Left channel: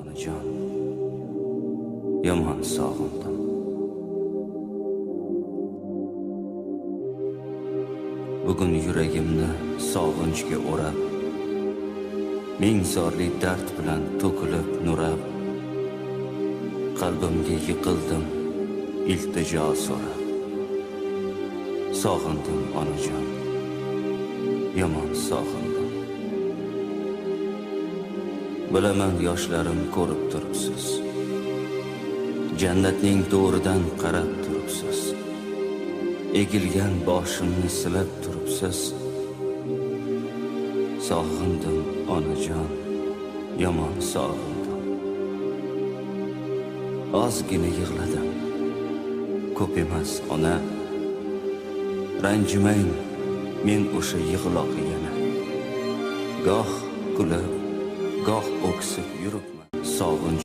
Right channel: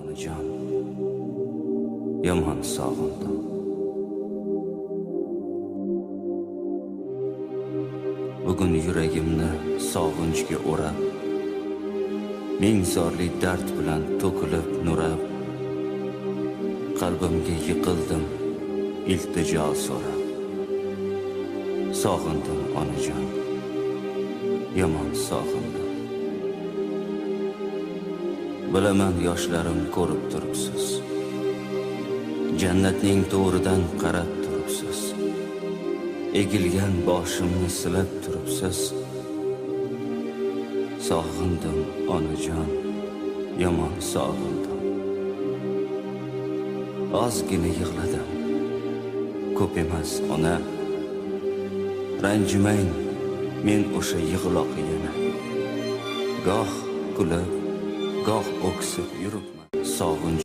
onajon, yomon sog'indim. Bugun yuragimni sog'inchga o'rab, ming zorli dard bilan to'kilib nurab, qalbimga yiqildim iltijo so'rab. Sog'indim onajon, yomon sog'indim. Bilaman yoshlarim ko'rib turibsiz, jannatning to'ridan qarab turibsiz, egilgan boshimni silab turibsiz. Sog'indim onajon, yomon sog'indim. Ozgina yig'ladim, ko'p emas ona. Ranjimang men o'sha yig'loq yana. Goh kulib, goh o'ksib yuribman. Sog'inch